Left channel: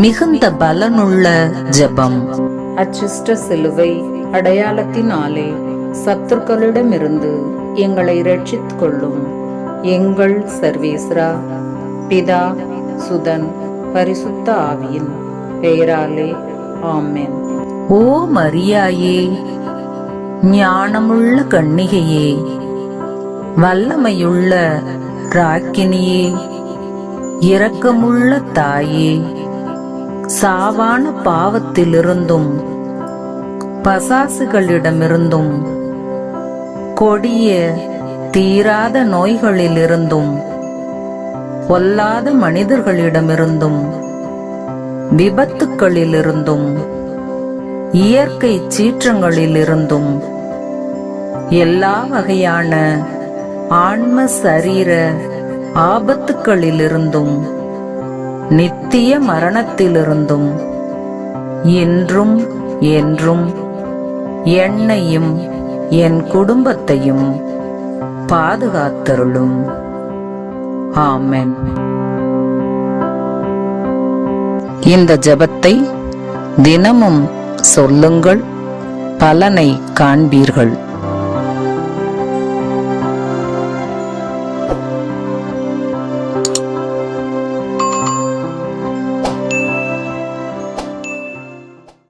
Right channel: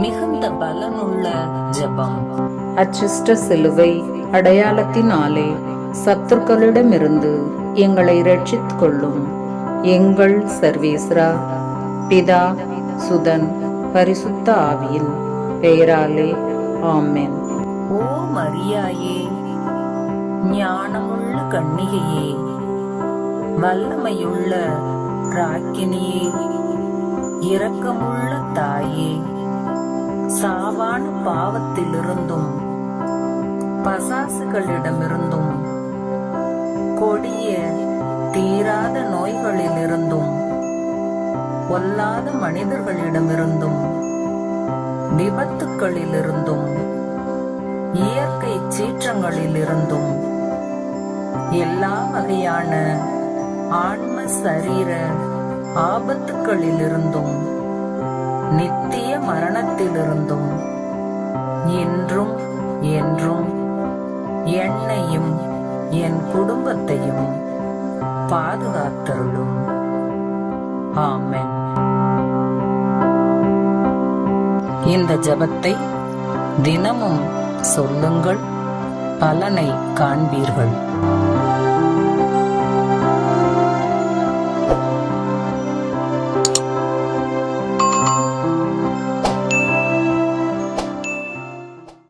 மிகுந்த பலனுள்ள ஜெபம். அச்சிஷ்ட சிலுவை அடையாளத்தினாலே சத்துருக்களிடமிருந்து எங்களை ரட்சித்துக் கொள்ளும் எங்கள் சர்வேஸ்வரா, பிதா, சுதன், பரிசுத்த ஆவியின் பெயராலே ஆமென். ஓ மரியாயே, ஞானமுள்ள கன்னிகையே, வல்லமையுள்ள ராக்கினியே, இரக்கமுள்ள தாயே, சாவான பாவத்திலிருந்தும் பசாசுகளிடமிருந்தும் கொடிய தீராத நோய்களிலிருந்தும் பொல்லாத மனிதர்களிடமிருந்தும் விபத்துக்களிலிருந்தும் இயற்கை சீற்றங்களிலிருந்தும் எல்லா வகையான ஆன்ம சரீர ஆபத்துக்களிலிருந்தும் நித்திய மரணத்திலிருந்தும் என்றும் என்றும் என்னையும் என் குடும்பத்தையும் பாதுகாத்தருளும். ஆமென். இந்த ஜெபத்தை தினமும் சொல்லுங்கள், பலனை காண்பீர்கள்.